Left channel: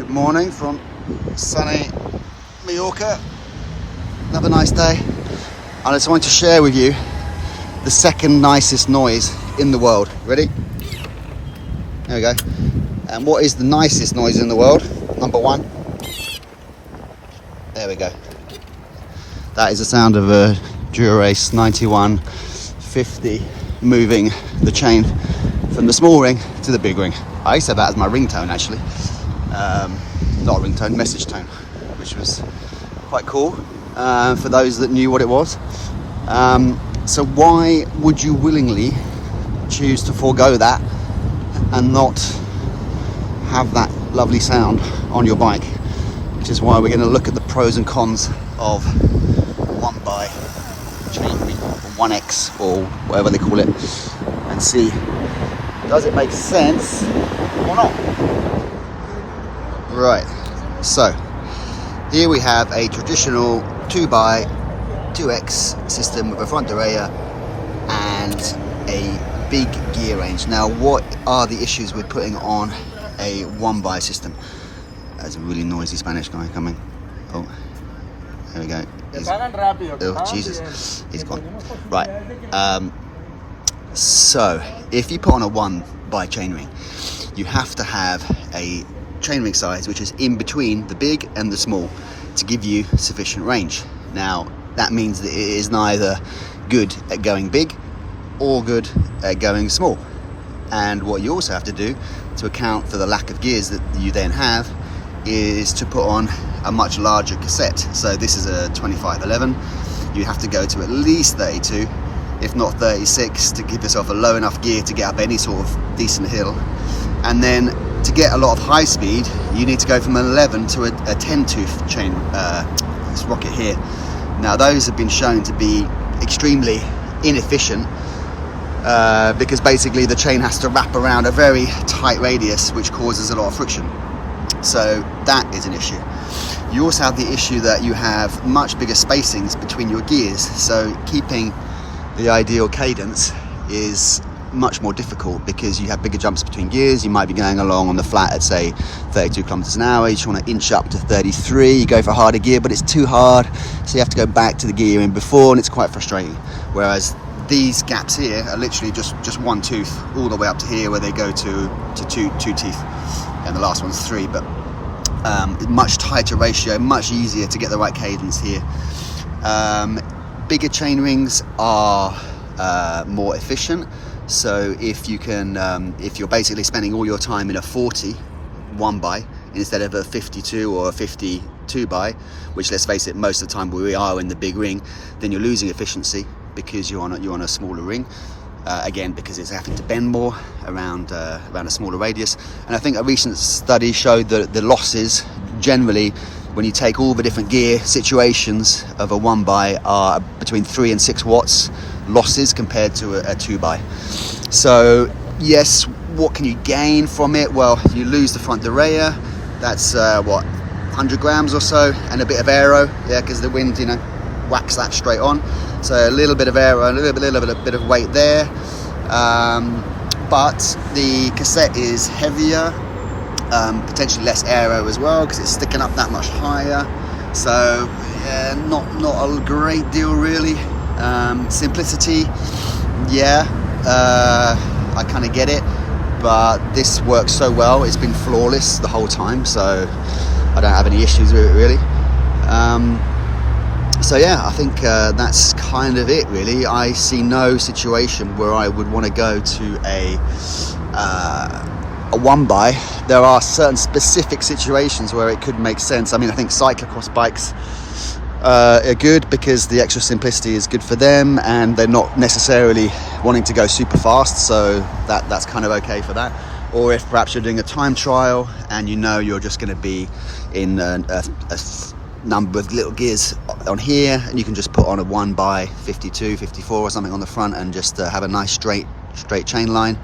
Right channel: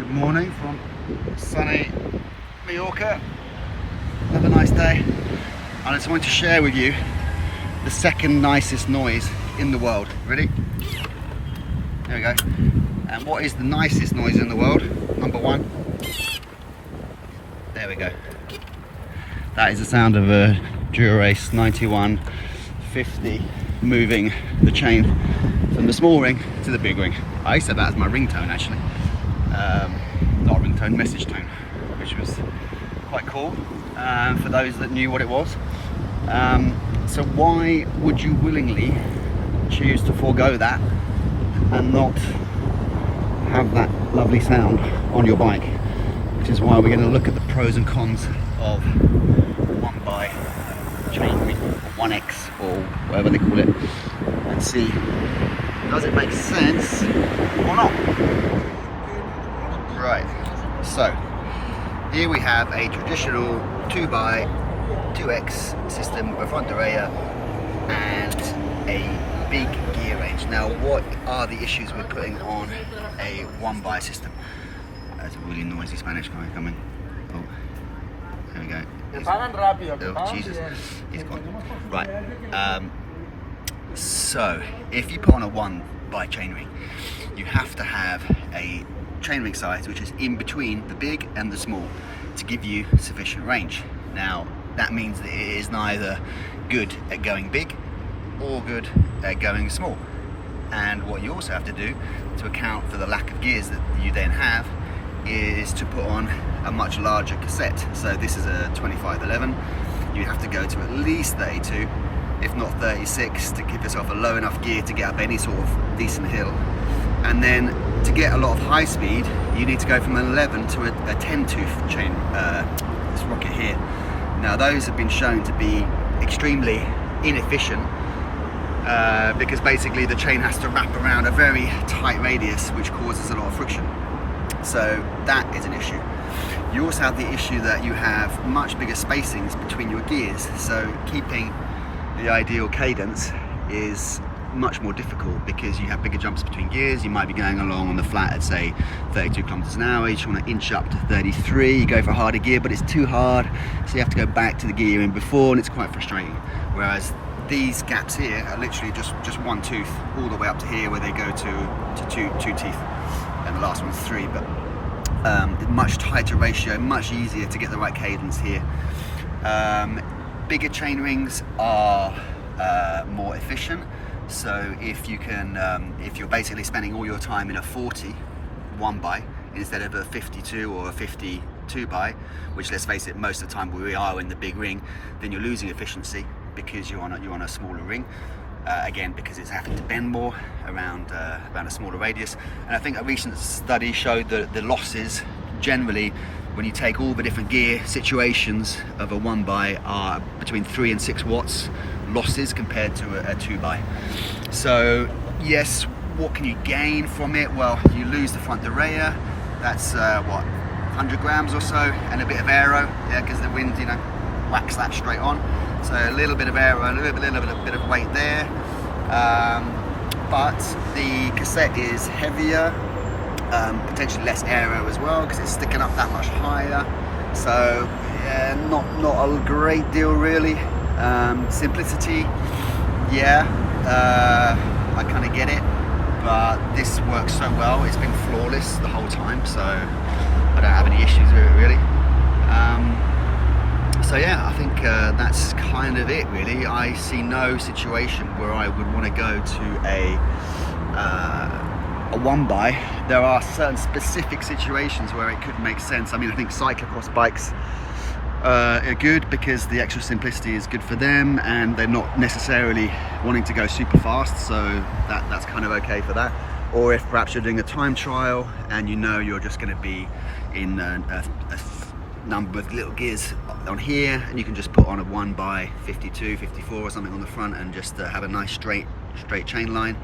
Good morning from sunny Mallorca. Another nice day. I just wanted to share with you the second nicest noise in the world. Ready? There we go. And what is the nicest noise in the world? Number one. There we go. That is the sound of a Dura-Ace 9150 moving the chain from the small ring to the big ring. I used to have that as my ringtone actually. Not a ringtone, message tone, which was quite cool for those that knew what it was. So why would you willingly choose to forego that and not have that lovely sound on your bike? Which is why we're going to look at the pros and cons of 1x chainring, 1X or whatever they call it, and see does it make sense or not. Right, so here we have a traditional 2x2X system with a front derailleur and a big gear range. Now, what are the issues with putting on a 1x system? There's a really noisy Spanish guy coming. Oh, there we go. Oh, Jesus, he's gone. Right, so if you put on a 1x chainring, you have to have a chainring size which is in between the big and the small to give you sufficient range. Now, that means that it is neither good at going big or good at going small. And what you also have to do to account for the lack of gears that you then have is to put on a much larger cassette. So this is a 2511. You have to go to at least 32, if not 36, to give yourself a low enough gear to get up any sort of decent hill. And then to get a lot of high speed, you need to go from an 11 to a 10 tooth chain sprocket here. Now, those have been shown to be extremely inefficient because basically the chain has to wrap around a very tight radius, which causes a lot of friction. So that is an issue. You also have the issue that you have much bigger spacings between your gears, so keeping the ideal cadence is much more difficult because you have bigger jumps between gears. You might be going along on the flat at say 32 kilometers an hour. You just want to inch up to 33. You go for harder gear, but it's too hard, so you have to go back to the gear in before, and it's quite frustrating. Whereas these gaps here are literally just one tooth all the way up to here, where they go to two teeth, and the last one's 3. But much tighter ratio, much easier to get the right cadence here. Bigger chain rings are more efficient. So if you can, if you're basically spending all your time in a 40 1x instead of a 52 or a 52x, which, let's face it, most of the time we are in the big ring, then you're losing efficiency because you're on a smaller ring. Again, because it's having to bend more around a smaller radius. And I think a recent study showed that the losses generally, when you take all the different gear situations of a 1x, are between 3 and 6 watts losses compared to a 2x. So yes, what can you gain from it? Well, you lose the front derailleur. That's what, 100 grams or so, and a bit of aero, yeah, because the wind, you know, whacks that straight on. So a little bit of aero, a little bit of weight there. But the cassette is heavier, potentially less aero as well because it's sticking up that much higher. So yeah, not a great deal really. Simplicity, yeah, I kind of get it, but this works so well. It's been flawless the whole time, so I don't have any issues with it really. So yeah, I think that's kind of it really. I see no situation where I would want to go to a 1x. There are certain specific situations where it could make sense. I mean, I think cyclocross bikes are good because the extra simplicity is good for them, and they're not necessarily wanting to go super fast, so that's kind of okay for that. Or if perhaps you're doing a time trial and you know you're just going to be in a number of little gears on here, and you can just put on a 1x 52, 54 or something on the front and just have a nice straight chain line.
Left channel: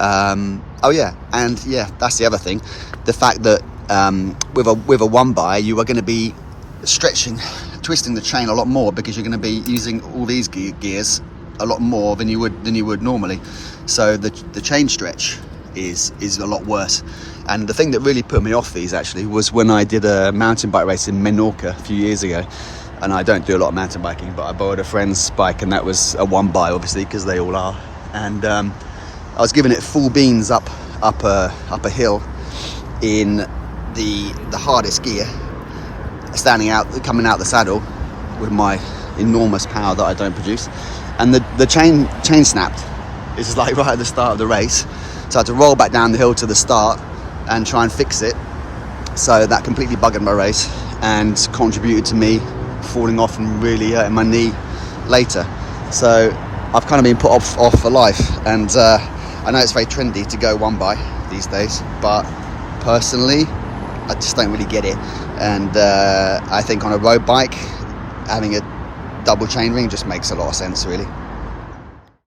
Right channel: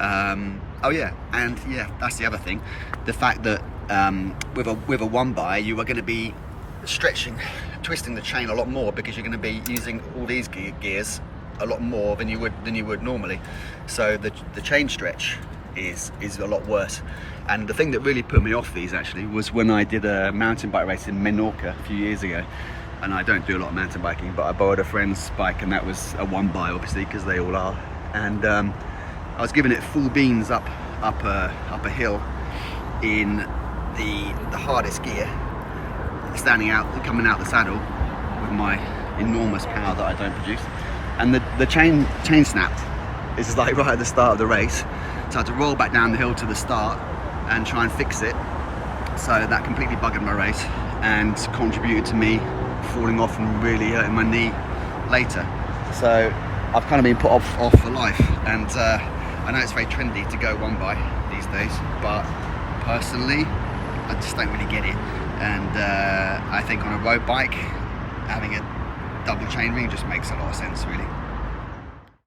Oh yeah, and yeah, that's the other thing, the fact that with a 1x you are going to be twisting the chain a lot more because you're going to be using all these gears a lot more than you would normally. So the chain stretch is a lot worse. And the thing that really put me off these actually was when I did a mountain bike race in Menorca a few years ago. And I don't do a lot of mountain biking, but I borrowed a friend's bike, and that was a one by, obviously, because they all are. And I was giving it full beans up a hill in the hardest gear, coming out the saddle with my enormous power that I don't produce, and the chain snapped. This is like right at the start of the race, so I had to roll back down the hill to the start and try and fix it. So that completely buggered my race and contributed to me falling off and really hurting my knee later. So I've kind of been put off for life, and I know it's very trendy to go one by these days, but personally I just don't really get it. And I think on a road bike having a double chainring just makes a lot of sense, really.